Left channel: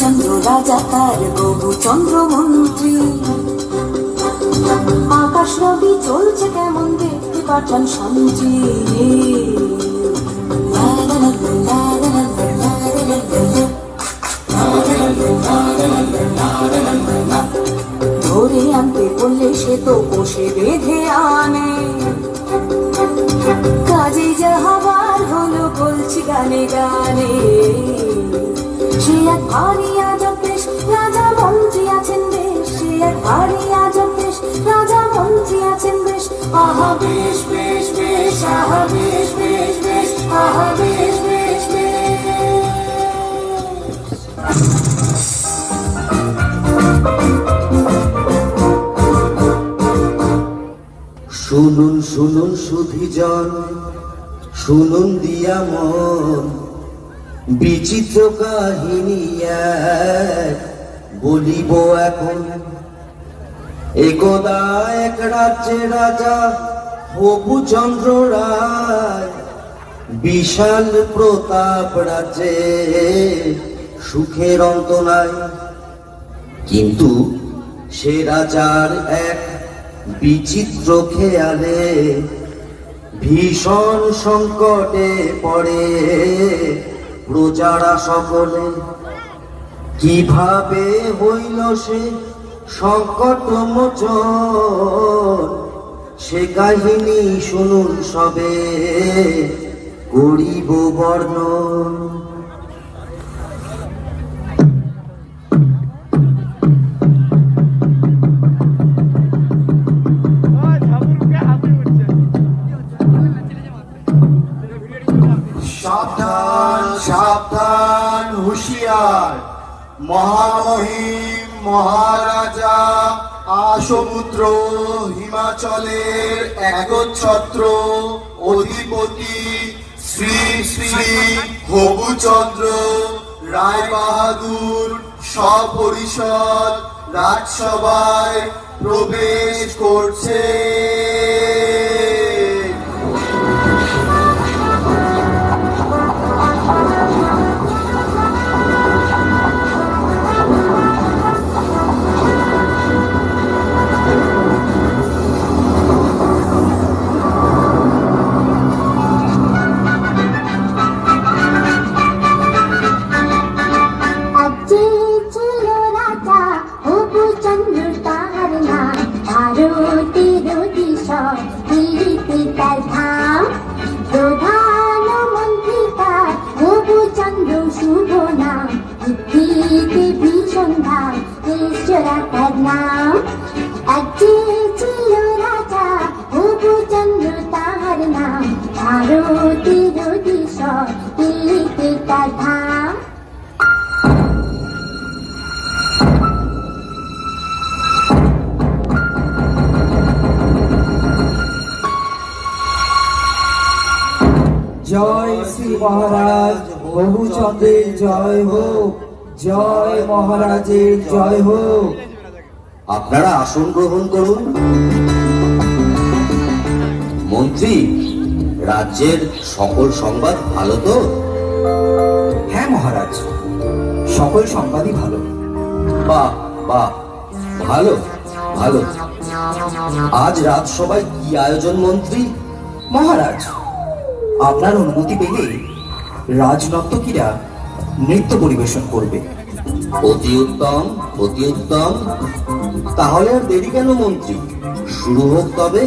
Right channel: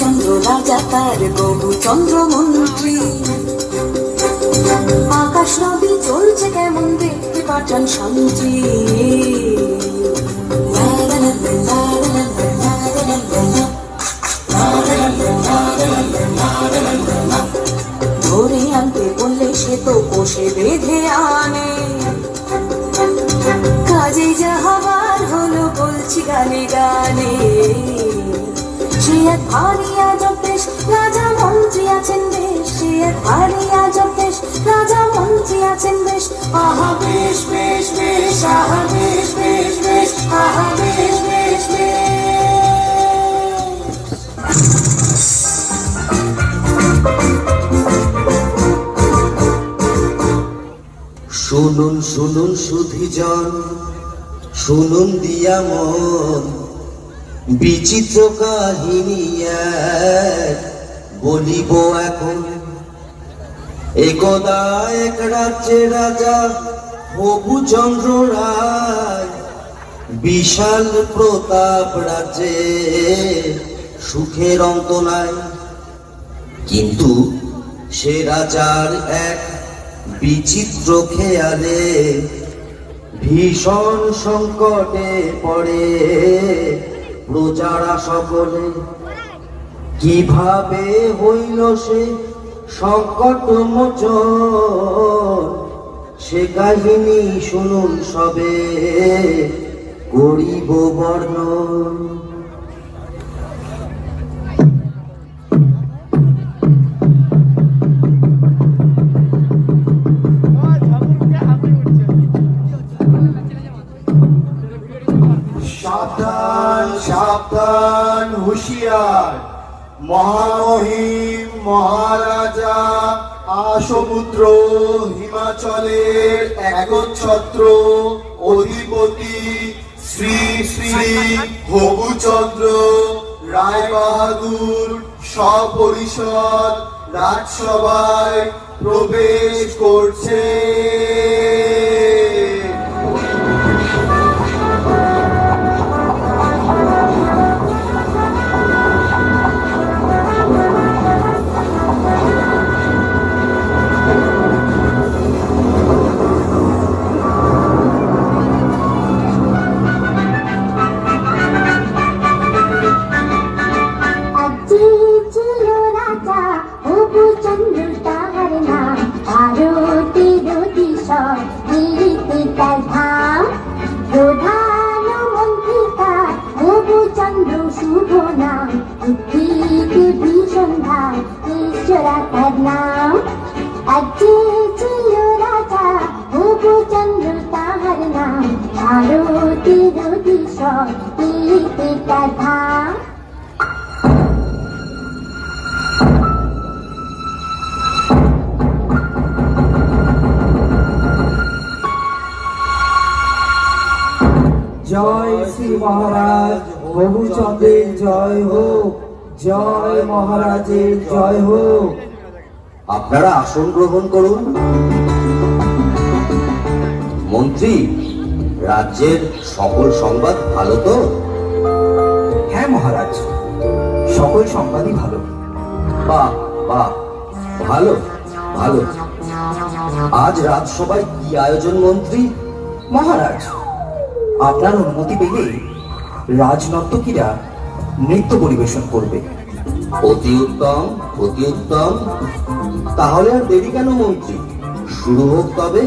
চন্দ্র রাজা তার গবু চন্দ্র মন্ত্রী, আকাশ নদী চলছে কেমন দেখতে পাঠান সন্ত্রী। ধরে আনতে বললে সে তো বসে বেঁধে আনে, কাজে যাহার হলো বলছি গানে গানে। সে এক ভারী আজব দেশ, রাজা মন্ত্রী আছেন বেশ, সে এক ভারী আজব দেশ, রাজা মন্ত্রী আছেন বেশ। আহা বেশ বেশ বেশ, আহা বেশ বেশ বেশ, আহা বেশ বেশ বেশ। শুনুন শুনুন সুধীজন, শুনুন দিয়া মন, বিচিত্র কাহিনী বলিব এখন। একদা এক রাজ্যে রাজা হবুচন্দ্র রায়, বিশাল প্রতাপ রাজ্যে সুখের অন্ত নাই। কিন্তু সে রাজার এক বিচিত্র খেয়ালে ভীষণ সংকটে পড়ে প্রজারা সকলে। কিভাবে হইল সে সংকট মোচন, সে কাহিনী শুনুন সবে করিব বর্ণন। সাবধান সাবধান হুঁশিয়ার, মহামহিম মহারাজা আসমুদ্র হিমাচলের একচ্ছত্র অধিপতি শ্রী শ্রী হবুচন্দ্র রায় বাহাদুর সপরিষদ রাজসভায় প্রবেশ করছে। জয় শ্রী মহারাজ হবুচন্দ্রের জয় হোক, জয় মহারাজের জয় হোক। আপনারা আসন গ্রহণ করুন। মন্ত্রী, রাজ্যের সকল সংবাদ ভালো তো? হ্যাঁ মহারাজ, সকল সংবাদই ভালো। বাহ বাহ, ভালো ভালো। আজ রাজসভায় কি আয়োজন মন্ত্রী? মহারাজ, আপনার অনুমতি পেলে রাজনর্তকীরা নৃত্য পরিবেশন করবে। অতি উত্তম অতি উত্তম। তাহলে আর দেরি কেন মন্ত্রী, শুরু হোক তবে।